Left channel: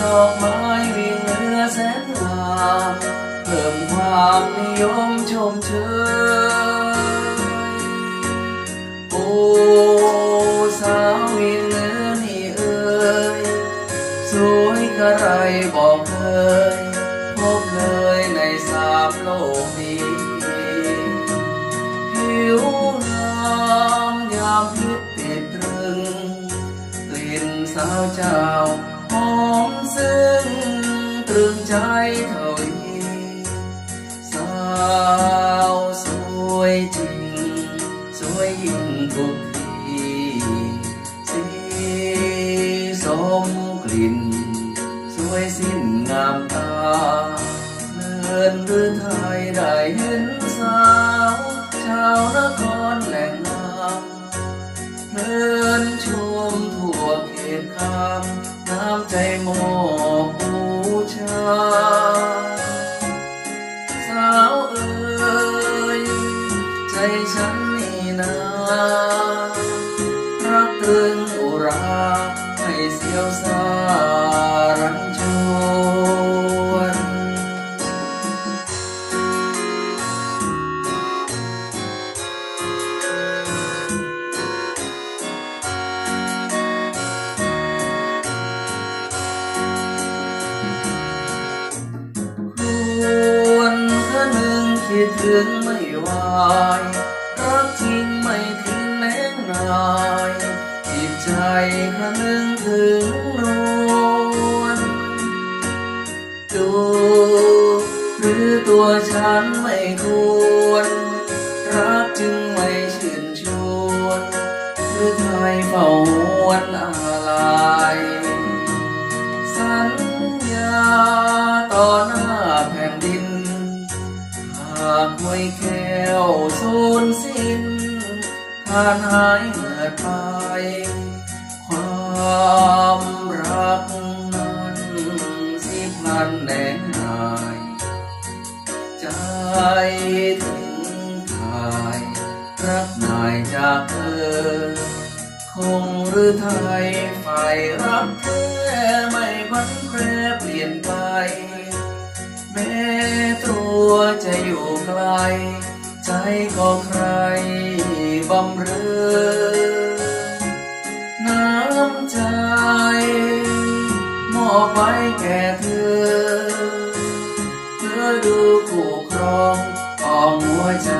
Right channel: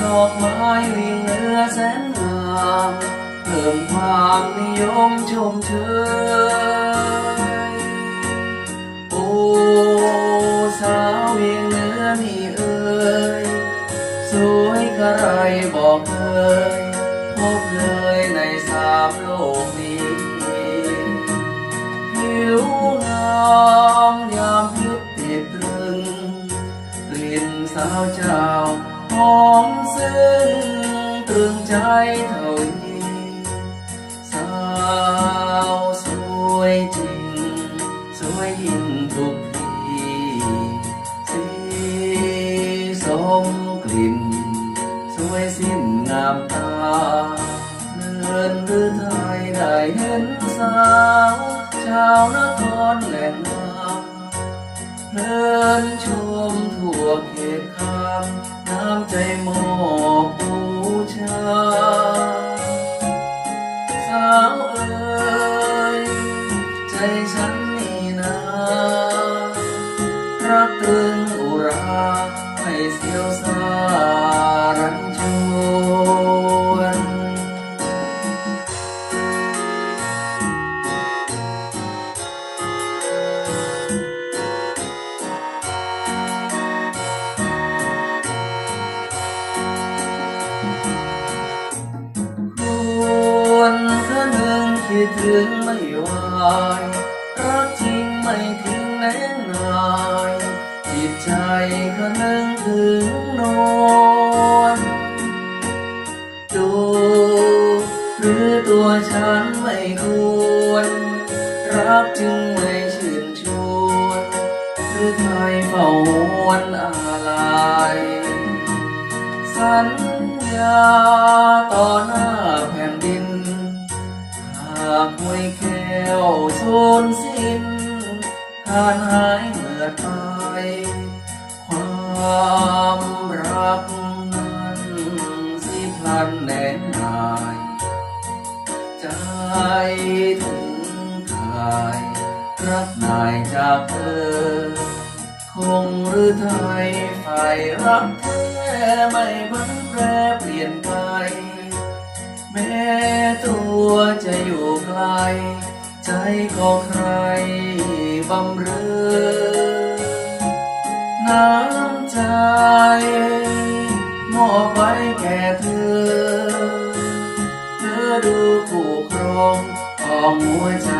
ดอกไม้มีเนื้อแสนงามเพิ่มความนิยมชมเชยโอ้สาวมีเนื้อนี่เอ่ยสวยกระไรบอกเคยพบเลยในสามโลกนี้ เจ้าหอมซึ้งตรึงใจเท่านี้สาวสวยจริง สวยยิ่งทุกทีสีสมกลิ่น สวยสิ้นงามตาเลื่อนหรือไทยได้เห็นสาว ชาวนครแหล่งงาเดินชมทั่ คำน้ำใจมอบบูชา สาวเอ๋ยใจฉันนี่นารักตรึงอุราให้เสียวสา ถึงไม่ไหวรักจริงไม่ทิ้งแน่นายจิตใจคืนหนึ่งถึงนวลดูหรือตัวฉันไม่ควร รักจึงไม่ชื่นชวนหรือใครเฝ้าหวนอะไรสัญญาต่อหน้า แก้วสูญสิ้นทานหายเมื่อตายความรักนั้นสิพลันแน่นายใจถึงทายรักนายจากเธอ คงหรือไทยฝ่ายรักแท้ไม่พันแปรเปลี่ยนไปแม้ตัวจะอยู่ ใจของใครบำเรอน้ำใจ มอบไว้แก่เธอ เธอดูผู้ครองอ้อมหัวใจ